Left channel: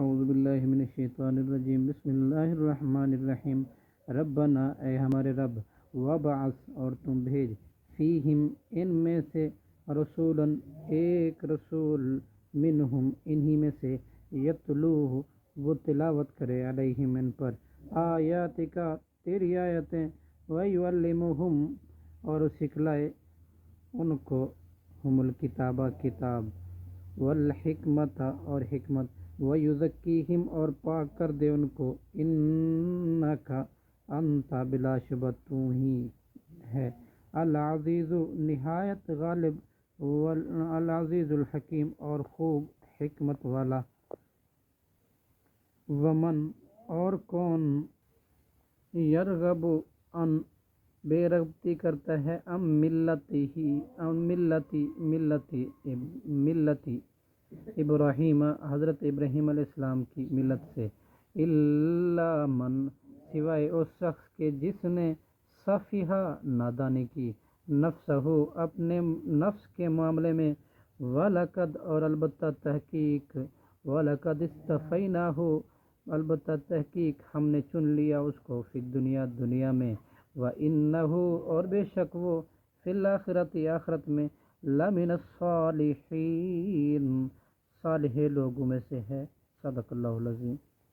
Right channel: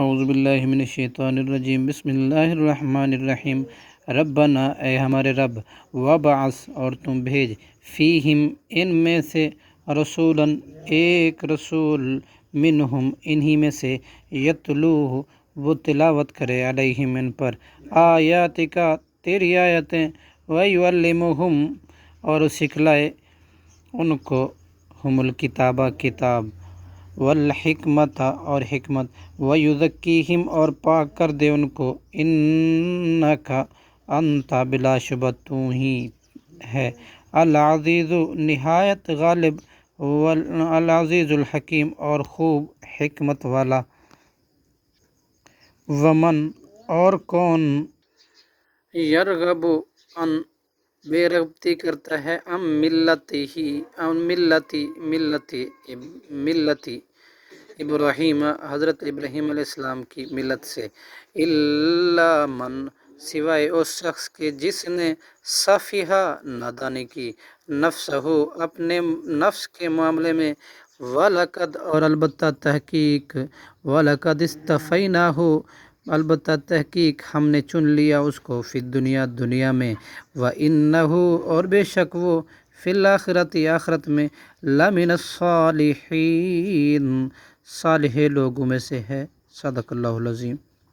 اعوذ باللہ من الشیطان الرجیم، بسم اللہ الرحمن الرحیم۔ ربنا، اے ہمارے رب، وبعث، اور تم بھیج، فیہم، ان میں سے، رسولاً، ایک رسول، منہم، انہی میں سے، یتلوہ، وہ تلاوت کرے، علیہم، ان پر، آیاتک، تیری آیتیں، ویعلمہم، اور سکھلائے ان کو، ہم الکتابہ، کتاب، والحکمت، اور حکمت، ویزکیہم، اور پاک کر دے ان کو، انک، انت، بلا شبہ تو ہی ہے، العزیز، نہایت غالب، العزیز الحکیم، اور خوب حکمت والا۔ ومن، اور کون، یرغب، ان، بے رغبتی کرتا ہے، ملتی ابراہیم، حضرت ابراہیم علیہ السلام کی ملت سے، الا من، سوائے اس شخص کے جس نے، سفیہا، نادانی کی، نفسہ، اپنے نفس کے معاملے میں، وَلَقَدْ، اور البتہ تحقیق، وَلَقَدْ اصْطَفَيْنَاهُ، البتہ تحقیق ہم نے چن لیا اس کو، فی الدنیا، دنیا میں، وَإِنَّهُ، اور بے شک وہ، فی الآخرۃ، آخرت میں، لَمِنَ الصَّالِحِینَ، صالح لوگوں میں سے ہے۔ صدق اللہ العظیم۔